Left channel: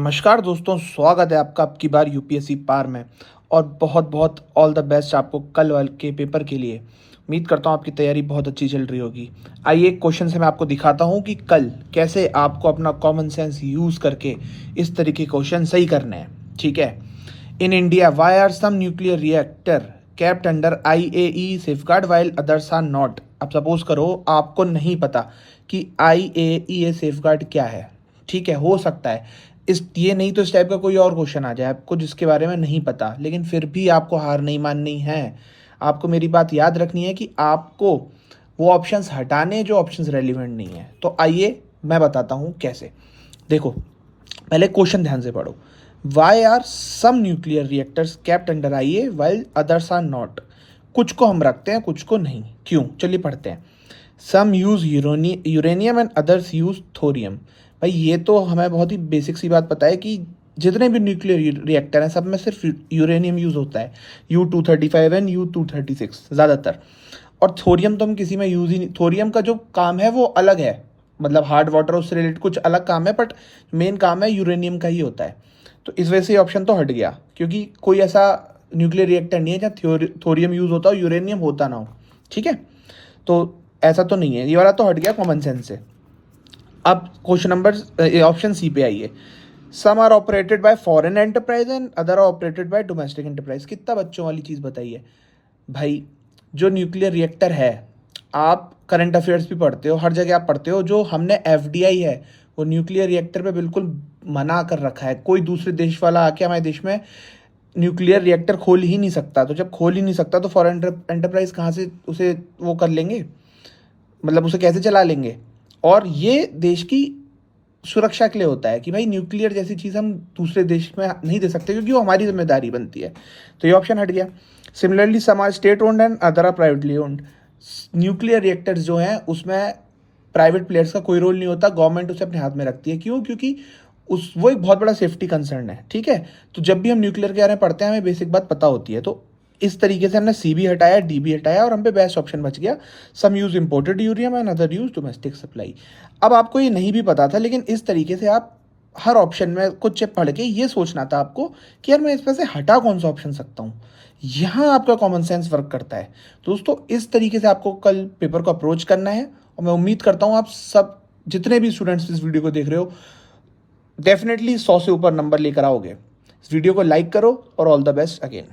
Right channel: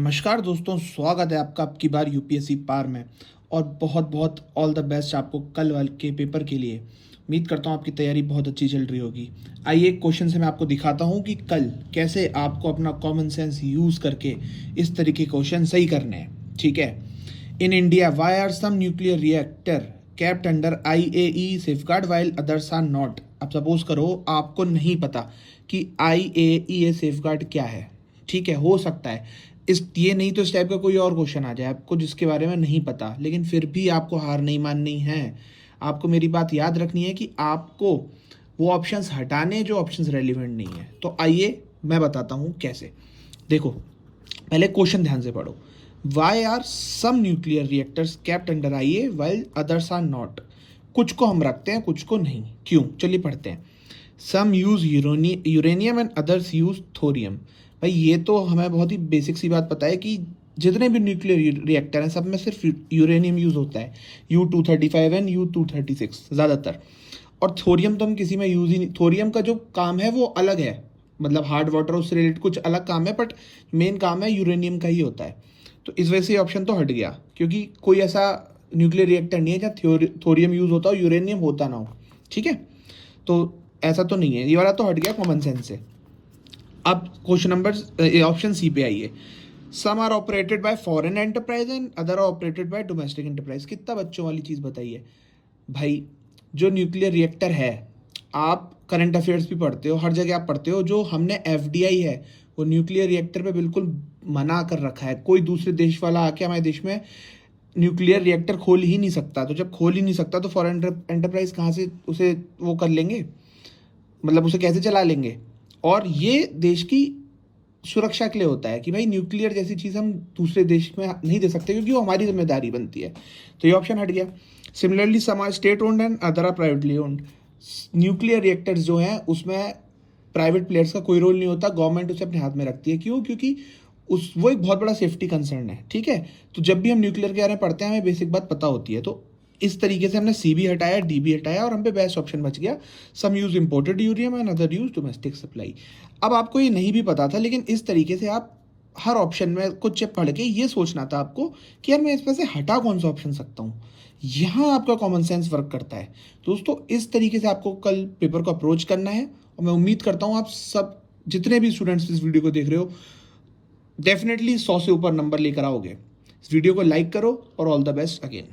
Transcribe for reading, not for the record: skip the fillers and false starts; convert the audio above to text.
नमस्कार दोस्तों, स्वागत है आपका आपकी बार यूपीएससी पार में। और बहुत बहुत ऑल द बेस्ट आपको कल वाले के पेपर के लिए। उम्मीद करता हूँ आपकी तैयारी बहुत अच्छी चल रही होगी। आइए एक क्वेश्चन से मैं आपको दिखाता हूँ कि कल कैसे आपको अपना कॉमन सेंस यूज़ करके इस तरीके के क्वेश्चन सही करने हैं। ठीक है। In India why are some nuclear reactor kept under IAEA safeguard while others are not. अब सपोज करो आपको नहीं पता कि IAEA सेफगार्ड क्या है। ठीक है, हो सकता है इस ये नहीं तो इस टाइप का कोई और क्वेश्चन आ जाए आपको जिसके बारे में नहीं पता, लेकिन फिर भी आपको हार नहीं माननी है। आपको मेरी बात याद रखनी है कि आपको वो ऑप्शंस हटाने जो ऑप्शंस रेलिवेंट नहीं है। तो आइए मैं बताता हूँ कैसे। देखो, पहले क्वेश्चन ध्यान से पढ़ो। Why are some nuclear reactors kept under IA while others are not. कुछ को हम रखते हैं, कुछ को नहीं, क्यों? चलिए पढ़ते हैं। Some use uranium and others use thorium. भाई ये तो हमें बहुत ही बेसिक सी बात पता है कि जितने भी न्यूक्लियर रिएक्टर हैं सब में सिर्फ यूरेनियम यूज होता है, U-235 एंड U-236 ज़्यादातर। और थोरियम तो हम किसी में यूज ही नहीं। थोरियम का जो काम है वो अलग है, मतलब हार्ड वाटर उससे रिलेटेड कुछ अलग काम है, बट मेन काम है यूरेनियम का ही होता है। तो इस वजह से ऑप्शन तो हट गया, क्योंकि कोई ऐसा न्यूक्लियर रिएक्टर नहीं है जहाँ थोरियम यूज होता हो, यूरेनियम होता ना हो। ठीक है, तो ऐसा तो नहीं है, ये वाला तो हट गया कॉमन सेंस से। अब क्वेश्चन नंबर ऑप्शन सी पे आइए। Some are operated by foreign enterprise and other are operated by domestic enterprise. कितना बच्चों वाली चीज़ बताइए भाई। जो न्यूक्लियर रिएक्टर है, आप करंट अफेयर्स भी पढ़ते हो, हर जगह आप पढ़ते हो, जो हमने FDI है वो न्यूक्लियर रिएक्टर पे बिल्कुल मना कर रखा है। कोई दूसरे देश वाला आके हमारे देश में न्यूक्लियर रिएक्टर खोल ही नहीं सकता। तो जब खोल ही नहीं सकता तो फॉरेन एंटरप्राइज कहाँ से उसे वो कर लेंगे, मतलब उसे कैसे चला लेंगे? और ये देश की सुरक्षा के लिए होता है कि भाई न्यूक्लियर जैसी चीज़ हम दूसरे देश में नहीं दे सकते, क्योंकि वो हमारी जिम्मेदारी बनती है। तो ये ऑप्शन हट गया। Similarly some are state owned and other are privately owned. Nuclear reactors जो हैं उसमें प्राइवेट प्लेयर्स का कोई रोल नहीं होता, गवर्नमेंट उसे अपने हाथ में रखती है। क्यों? क्योंकि उस वो एक बहुत बड़ा सेफ्टी कंसर्न है। ठीक है, तो जब भी हम न्यूक्लियर के बारे में पढ़ते हैं हमें बेसिक बात पता होती है। तो इस तरीके से हमने C भी हटाया, D भी हटाया, और हम पे बेस्ट ऑप्शन बच गया। Some use imported uranium and other use domestic supply. अब आपको ये नहीं भी पता था, लेकिन इस तरीके से आप हर ऑप्शन में कुछ पढ़ के ये सोचना था आपको कि यार मैं इसमें से हटा कौन सा ऑप्शन सकता हूँ। यहाँ आपका कॉमन सेंस वर्क करता है दोस्तों। इस तरीके से आपको कल पेपर को अप्रोच करना है, और मैं उम्मीद करता हूँ आप सब जितने भी स्टूडेंट्स इस वीडियो को देख रहे हो डेफिनेटली 100 से ऊपर नंबर लेकर आओगे। इस वीडियो को लाइक करो और ऑल द बेस्ट अगेन।